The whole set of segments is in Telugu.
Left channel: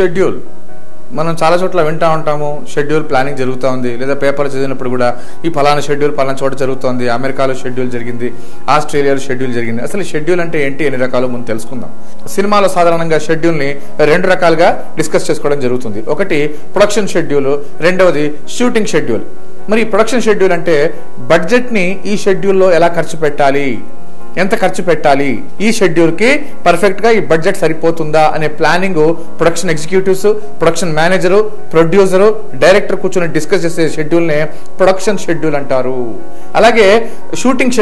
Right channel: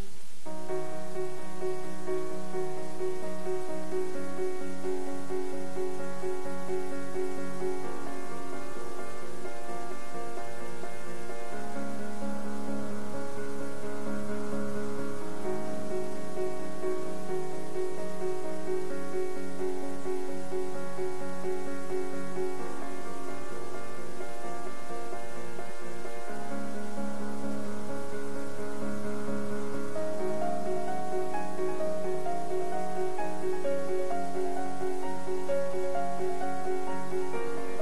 షెడ్యూల్ మనం చాలా చోట్ల వింటూ ఉంటాము. షెడ్యూల్ ప్లానింగ్ జరుగుతూ ఉంది, లేదా పేపర్లు చదివినప్పుడు కూడా ఈ ఫలానా షెడ్యూల్ ఫలానా చోట జరుగుతుంది, అమెరికాలో షెడ్యూల్ జరిగింది, ఆస్ట్రేలియాలో షెడ్యూల్ జరిగింది. అసలు షెడ్యూల్ అంటే ఏంటి, ఎన్ని రకాలు ముందు తెలుసుకుందాం. సినిమాలో సాధారణంగా షెడ్యూల్ని 2 రకాలుగా డిస్కస్ చేసుకోవడం జరుగుతుంది. ఒకటి ప్రొడక్షన్ షెడ్యూల్, రెండవది షూటింగ్ షెడ్యూల్. మరి ప్రొడక్షన్ షెడ్యూల్ అంటే బడ్జెట్ని ఈ షెడ్యూల్లో ఎలా ఖర్చు పెట్టాలి, ఎంత ఖర్చు పెట్టాలి, ఈ షెడ్యూల్కి పర్ఫెక్ట్గా ఈ బడ్జెట్ సరిపోతుందా అనే planning production executives, production manager, producer, director కూర్చొని డిస్కస్ చేసే షెడ్యూల్నే ప్రొడక్షన్ షెడ్యూల్ అంటారు. అలాగే షూటింగ్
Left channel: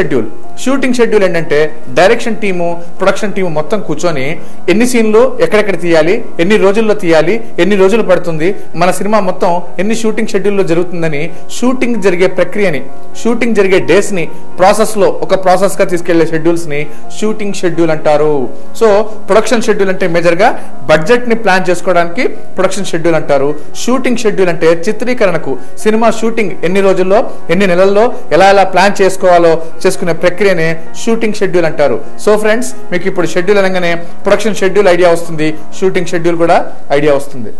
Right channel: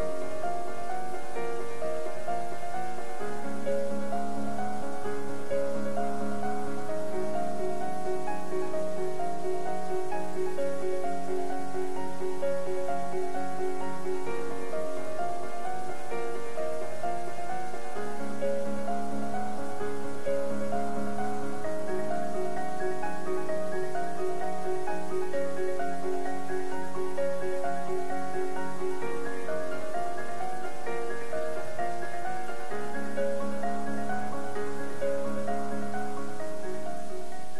షెడ్యూల్ ఏంటంటే డైరెక్షన్ టీము, ప్రొడక్షన్ టీము మొత్తం కూర్చొని ఎన్ని సీన్లు ఎక్కడెక్కడ తీయాలి, ఎన్ని రోజుల్లో తీయాలి, ఎన్ని రోజులు పడుతుంది, మన సినిమా మొత్తం ఎన్ని షూటింగ్ షెడ్యూల్లో జరుగుతుందని షూటింగ్ జరిగే ప్రక్రియని, షూటింగ్ జరిగే డేస్ని ప్రాసెస్లో ఒక ప్రాసెస్గా తీసుకెళ్లే షెడ్యూల్స్ని షూటింగ్ షెడ్యూల్ అంటారు. సో ప్రొడక్షన్ షెడ్యూల్ అంటే మేజర్గా బడ్జెట్ని ప్లాన్ చేసుకోవడానికి ప్రొడక్షన్ షెడ్యూల్ అంటారు. షూటింగ్ షెడ్యూల్ అంటే చిత్రీకరణకు, సినిమా షూటింగ్ ఎన్ని రోజుల్లో ఎన్ని నెలల్లో ఎలా ప్లాన్ చేసుకోవాలో చేసుకునే ప్రక్రియనే షూటింగ్ షెడ్యూల్ అంటారు. సో ఫ్రెండ్స్, మీకు ఇప్పుడు షెడ్యూల్ అనగానే ప్రొడక్షన్ షెడ్యూల్ ఐడియా వస్తుంది, షూటింగ్ షెడ్యూల్ కూడా ఐడియా వస్తుంది.